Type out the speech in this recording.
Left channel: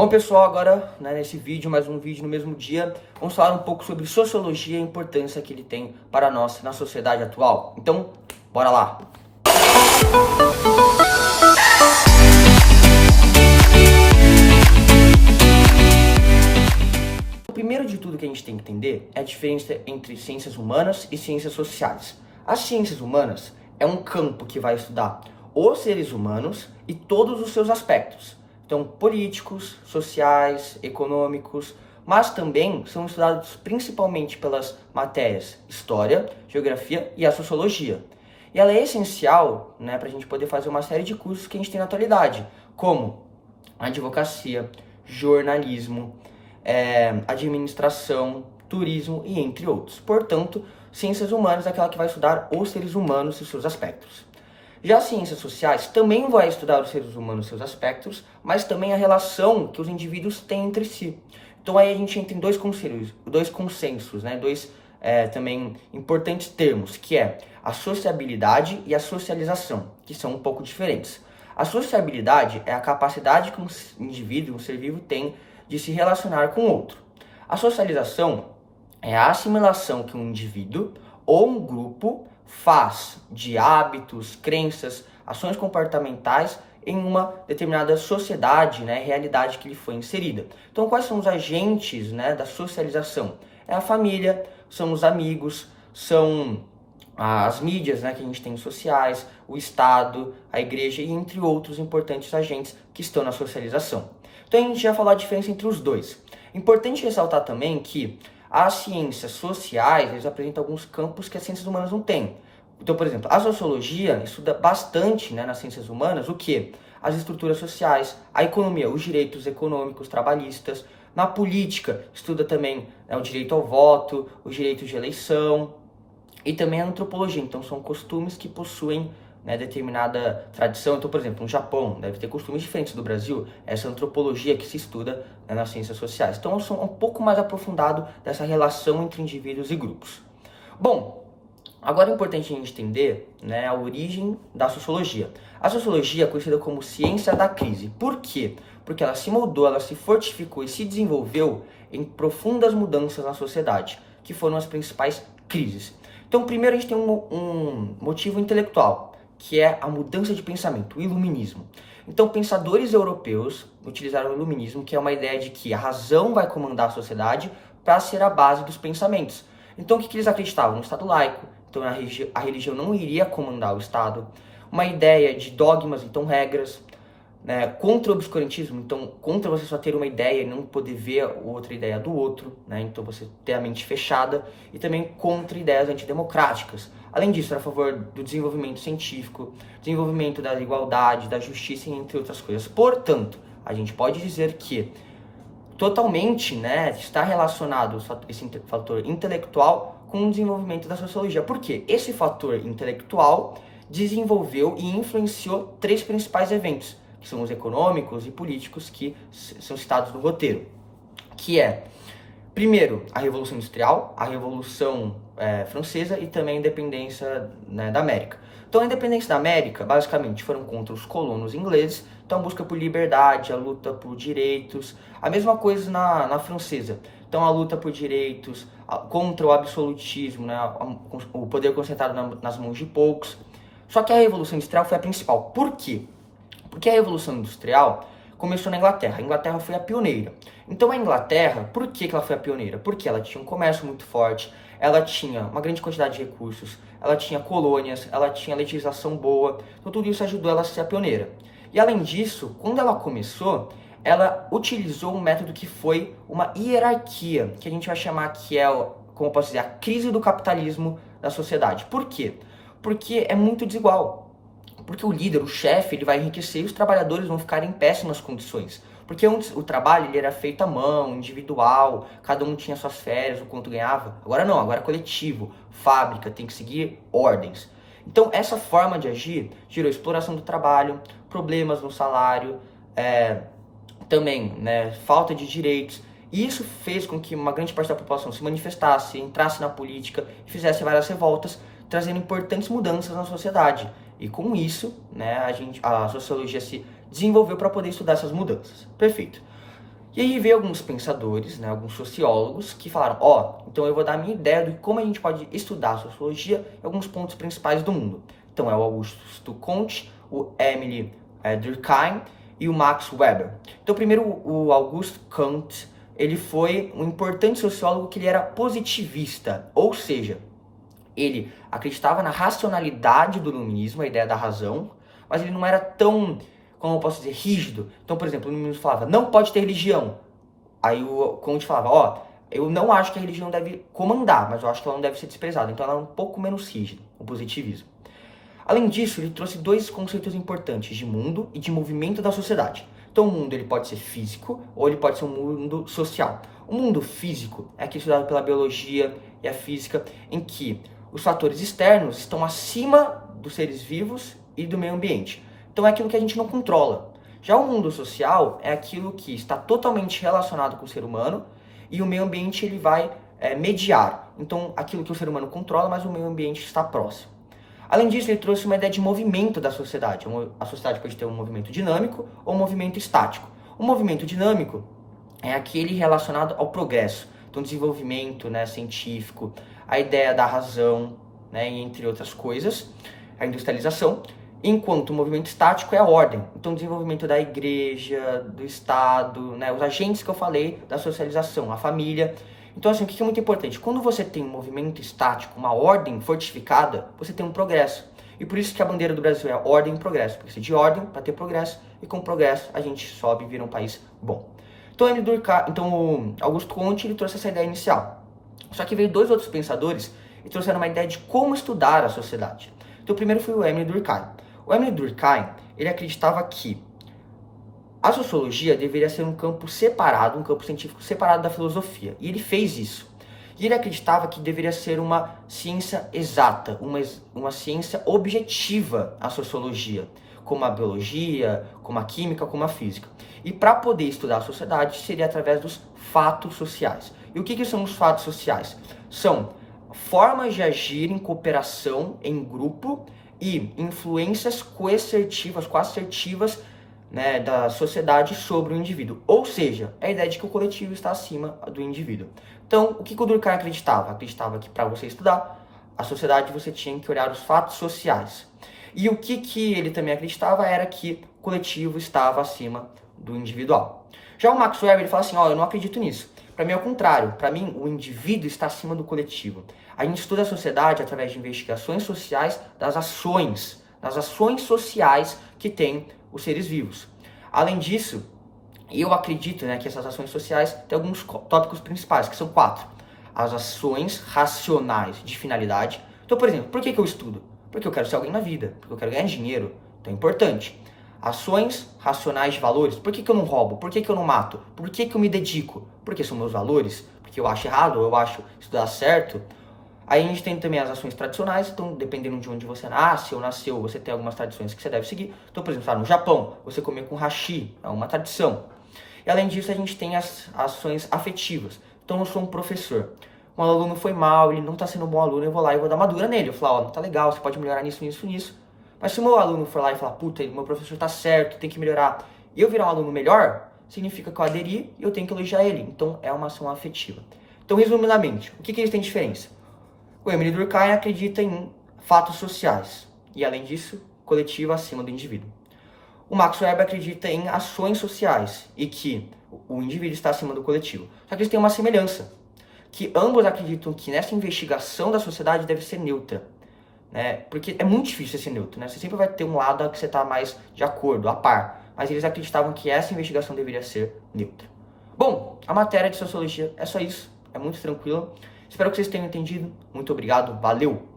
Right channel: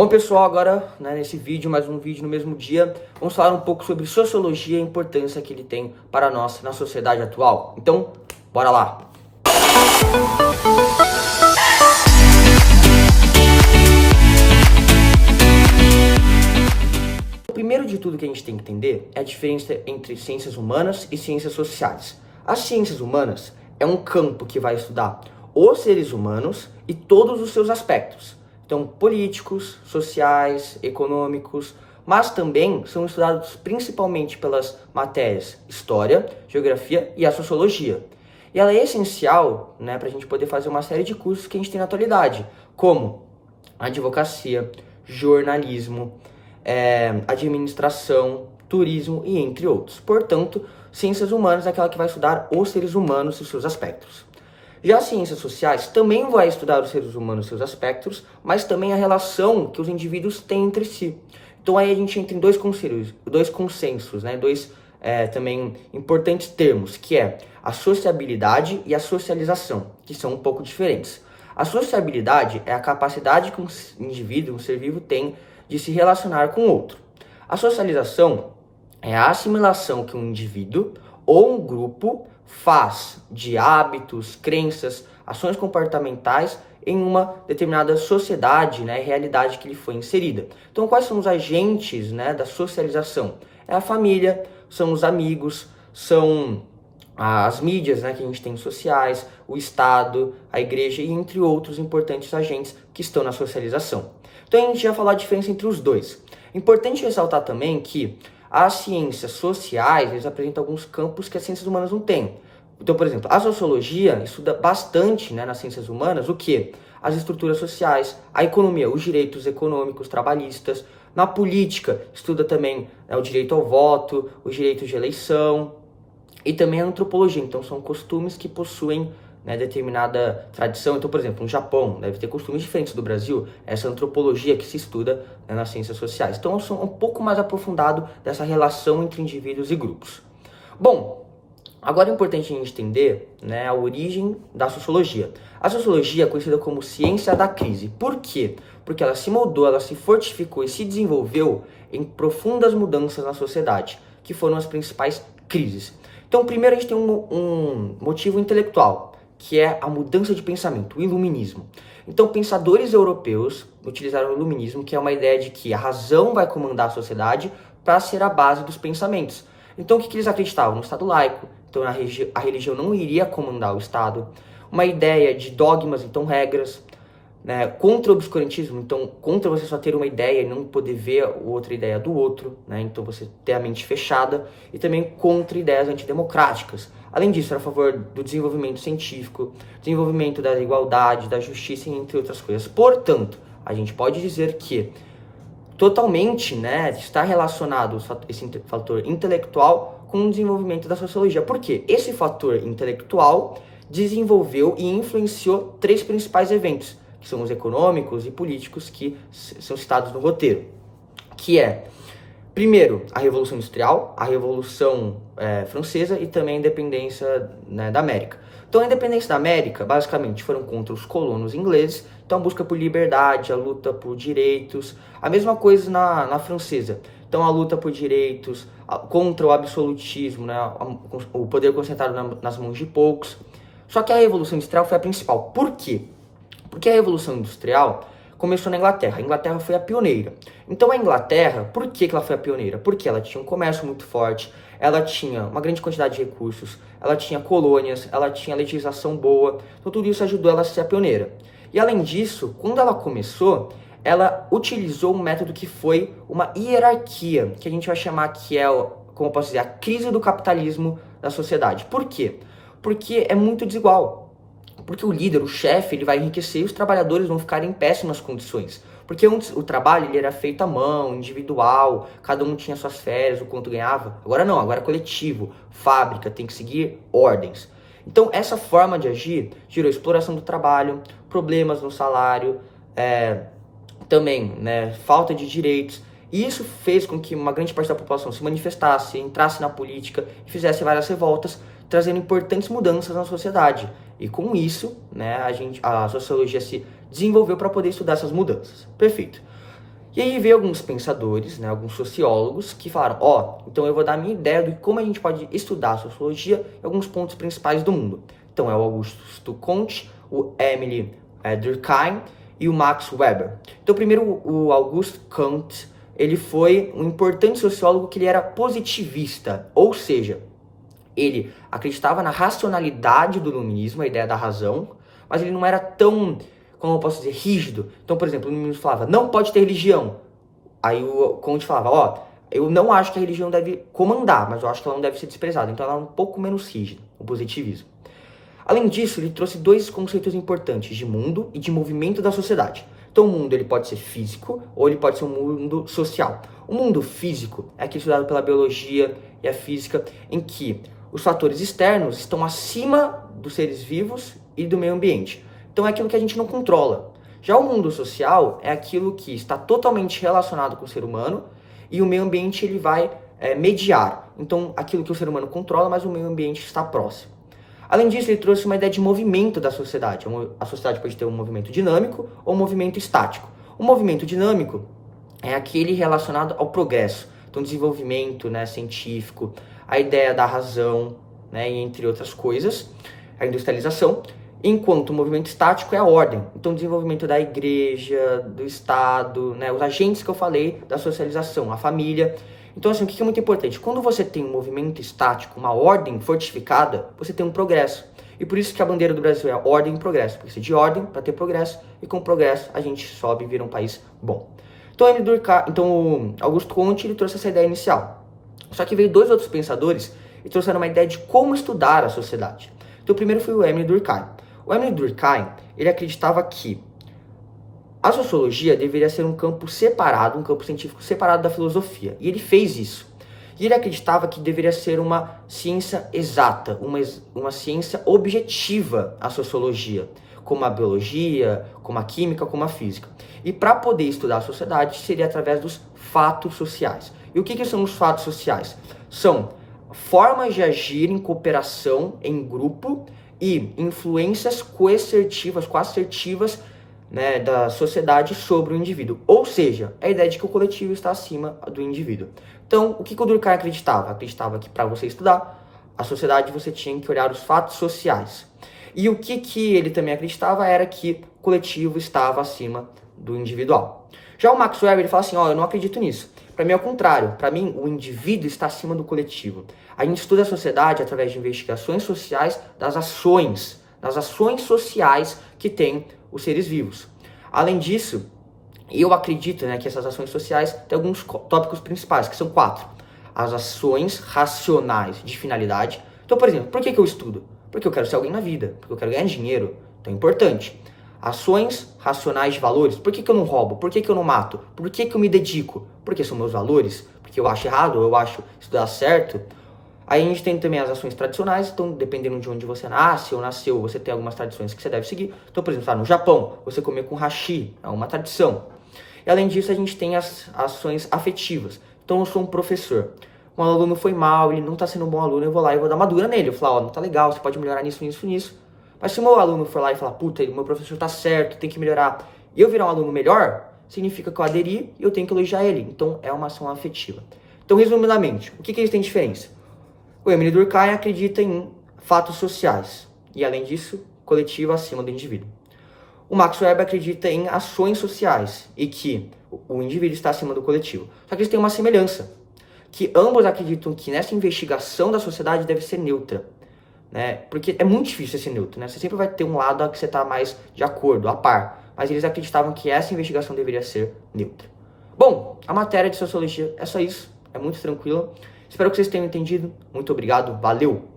Bom, pessoal, agora, nesse vídeo, mais um vídeo no mesmo dia, vamos falar um pouco sobre sociologia e a importância que ele tem para nós na sociedade atual. Então, bora lá! O primeiro de tudo que a gente tem que entender é a diferença entre ciências humanas e ciências sociais. As ciências humanas é um campo que vai estudar os seres humanos e todos os seus aspectos. Então, políticos, sociais, econômicos, mas também são estudados principalmente pelas matérias História, Geografia e a Sociologia. E ela é essencial, para a gente poder fazer uma série de cursos que a gente tem na atualidade, como advocacia, jornalismo, administração, turismo e entre outros. Portanto, ciências humanas é aquela que vai estudar os seres humanos e seus aspectos. Já as ciências sociais também vai estudar os seres humanos e seus aspectos, mas também a relação que os indivíduos têm entre si. Então aí a gente entra em dois consensos, dois também importantes termos, que é a sociabilidade e a socialização, que são um pouco diferentes. A sociabilidade é a capacidade que um indivíduo, um ser vivo, tem de se relacionar com outro. A socialização é a assimilação que um indivíduo ou um grupo faz de hábitos, crenças, ações comportamentais em uma determinada sociedade, realidade que ele foi inserida. Então, quais são os agentes da socialização? É a família, são os amigos, são as mídias que a gente tem sociais, o Estado, a igreja e entre outros importantes agentes que estão na socialização. Então, a gente já falou a diferença entre os dois. Importante ressaltar também que as ciências sociais, eles apresentam alguns campos que as ciências humanas não têm. Então, por exemplo, a sociologia estuda bastante nas ciências humanas o quê? As estruturas sociais, a economia, os direitos econômicos, trabalhistas. Na política, estuda também o direito ao voto, os direitos de eleição e também a antropologia. Então, são costumes que possuem determinada tradição. Então, por exemplo, no Japão deve ter costumes diferentes do Brasil, essa antropologia que se estuda nas ciências sociais. Então, eu sou um pouco mais aprofundado dessa relação entre indivíduos e grupos. Bom, agora é importante a gente entender a origem da sociologia. A sociologia é conhecida como ciência da crise. Por quê? Porque ela se moldou, ela se fortificou e se desenvolveu em profundas mudanças na sociedade, que foram as principais crises. Então, primeiro a gente tem um motivo intelectual, que é a mudança de pensamento, o iluminismo. Então, pensadores europeus utilizaram o iluminismo, que é uma ideia de que a razão vai comandar a sociedade para ser a base dos pensamentos. Então, o que eles acreditavam? No Estado laico, então a religião não iria comandar o Estado. Uma ideia de dogmas, então regras, contra o obscurantismo, então contra você só ter uma ideia e não poder ver outra ideia do outro, então você ter a mente fechada, e também contra ideias antidemocráticas. Além disso, era a favor do desenvolvimento científico, desenvolvimento da igualdade, da justiça, entre outras coisas. Portanto, a gente pode dizer que totalmente está relacionado esse fator intelectual com o desenvolvimento da sociologia. Por quê? Esse fator intelectual desenvolveu e influenciou três principais eventos, que são os econômicos e políticos que são citados no roteiro, que é, primeiro, a Revolução Industrial, a Revolução Francesa e também a independência da América. Então, a independência da América, basicamente, foram contra os colonos ingleses, então a busca por liberdade, a luta por direitos, a mesma coisa na Francesa. Então, a luta por direitos, contra o absolutismo, o poder concentrado nas mãos de poucos. Só que a Revolução Industrial foi a principal. Por quê? Porque a Revolução Industrial começou na Inglaterra. A Inglaterra foi a pioneira. Então a Inglaterra, por que ela foi a pioneira? Porque ela tinha um comércio muito forte, ela tinha uma grande quantidade de recursos, ela tinha colônias, ela tinha legislação boa. Então tudo isso ajudou ela a ser a pioneira. E além disso, quando ela começou, ela utilizou um método que foi uma hierarquia, que a gente vai chamar que é, como eu posso dizer, a crise do capitalismo da sociedade. Por quê? Porque é muito desigual. Porque o líder, o chefe, ele vai enriquecer e os trabalhadores vão ficar em péssimas condições. Porque antes o trabalho ele era feito à mão, individual, cada um tinha suas férias, o quanto ganhava. Agora não, agora é coletivo, fábrica, tem que seguir ordens. Então essa forma de agir gerou exploração do trabalho, problemas no salário, também falta de direitos. E isso fez com que uma grande parte da população se manifestasse, entrasse na política e fizesse várias revoltas, trazendo importantes mudanças na sociedade. E com isso, a sociologia se desenvolveu para poder estudar essas mudanças. Perfeito. E aí veio alguns pensadores, né, alguns sociólogos, que falaram, então eu vou dar a minha ideia de como a gente pode estudar a sociologia em alguns pontos principais do mundo. Então é o Augusto Comte, o Emile Durkheim e o Max Weber. Então primeiro o Augusto Comte, ele foi um importante sociólogo que ele era positivista, ou seja, ele acreditava na racionalidade do iluminismo, a ideia da razão, mas ele não era tão, como eu posso dizer, rígido. Então, por exemplo, o iluminismo falava, não pode ter religião. Aí o Comte falava, eu não acho que a religião deve comandar, mas eu acho que ela não deve ser desprezada. Então ela é um pouco menos rígida, o positivismo. Além disso, ele trouxe dois conceitos importantes, de mundo e de movimento da sociedade. Então o mundo ele pode ser físico ou ele pode ser um mundo social. O mundo físico é aquele estudado pela biologia e a física, em que os fatores externos estão acima dos seres vivos e do meio ambiente. Então é aquilo que a gente não controla. Já o mundo social é aquilo que está totalmente relacionado com o ser humano e o meio ambiente ele vai mediar. Então aquilo que o ser humano controla, mas o meio ambiente está próximo. Além disso, ele trouxe uma ideia de movimento da sociedade. A sociedade pode ter um movimento dinâmico ou um movimento estático. O movimento dinâmico é aquele relacionado ao progresso. Então, desenvolvimento, né, científico, a ideia da razão, né, entre outras coisas, a industrialização. Enquanto o movimento estático é a ordem. Então, desenvolvimento da igreja, do Estado, né, os agentes que eu falei, da socialização, a família. Então, assim, o que é muito importante? Quando você tem um movimento estático, uma ordem fortificada, você tem um progresso. E por isso que a bandeira do Brasil é ordem e progresso. Porque precisa de ordem para ter progresso, e com progresso a gente sobe e vira um país bom. Então o Augusto Comte ele trouxe essa ideia inicial. Só que veio dois outros pensadores e trouxeram uma ideia de como estudar a sociedade. Então o primeiro foi o Emile Durkheim. O Emile Durkheim, ele acreditava que a sociologia deveria ser um campo separado, um campo científico separado da filosofia. E ele fez isso. E ele acreditava que deveria ser uma ciência exata, uma ciência objetiva, a sociologia, como a biologia, como a química, como a física. E para poder estudar a sociedade seria através dos fatos sociais. E o que são os fatos sociais? São formas de agir em cooperação, em grupo, e influências coassertivas, né, da sociedade sobre o indivíduo. Ou seja, a ideia de que o coletivo está acima do indivíduo. Então, o que o Durkheim acreditava? Acreditava que para você estudar a sociedade você tinha que olhar os fatos sociais. E o que ele também acreditava era que o coletivo estava acima do individual. Já o Max Weber ele fala assim, eu não acredito nisso. Para mim é o contrário. Para mim, o indivíduo está acima do coletivo. A gente estuda a sociedade através de investigações sociais das ações sociais que tem os seres vivos. Além disso, eu acredito, né, que essas ações sociais têm alguns tópicos principais, que são 4. As ações racionais de finalidade. Então, por exemplo, por que eu estudo? Porque eu quero ser alguém na vida, porque eu quero ganhar dinheiro. Então é importante. Ações racionais de valores. Por que eu não roubo? Por que eu não mato? Por que eu me dedico? Porque são meus valores? Porque eu acho errado ou eu acho estudar certo? Aí a gente tem também as ações tradicionais, então dependendo de onde você nasce ou nasceu, você tem algumas tradições que você deve seguir. Então, por exemplo, no Japão, você comer com hashi, é uma tradição. E além disso, a gente tem as ações afetivas. Então, eu sou um professor. Um aluno foi mal, ele não está sendo um bom aluno, eu vou lá e vou dar uma dura nele. Eu falo, não tá legal, você pode melhorar nisso. Mas se o meu aluno for lá e falar, puta, meu professor tá certo, tem que melhorar, e eu virar um aluno melhor, significa que eu aderi e eu tenho que elogiar ele. Então, é uma ação afetiva. Então, resumidamente, o que eles têm diferença? O Emile Durkheim acredita em fatos sociais e, além disso, coletivo acima do indivíduo. O Max Weber acredita em ações sociais e que o indivíduo está acima do coletivo. Só que eles têm uma semelhança, que ambos acreditam que nessa investigação da sociedade deve ser neutra, né? Porque é muito difícil ser neutro, né? Você sempre vai ter um lado que você está mais de acordo, a par. Mas eles acreditavam que essa investigação deveria ser neutra. Bom, a matéria de sociologia é só isso, é muito tranquila. Espero que vocês tenham entendido. Muito obrigado, valeu!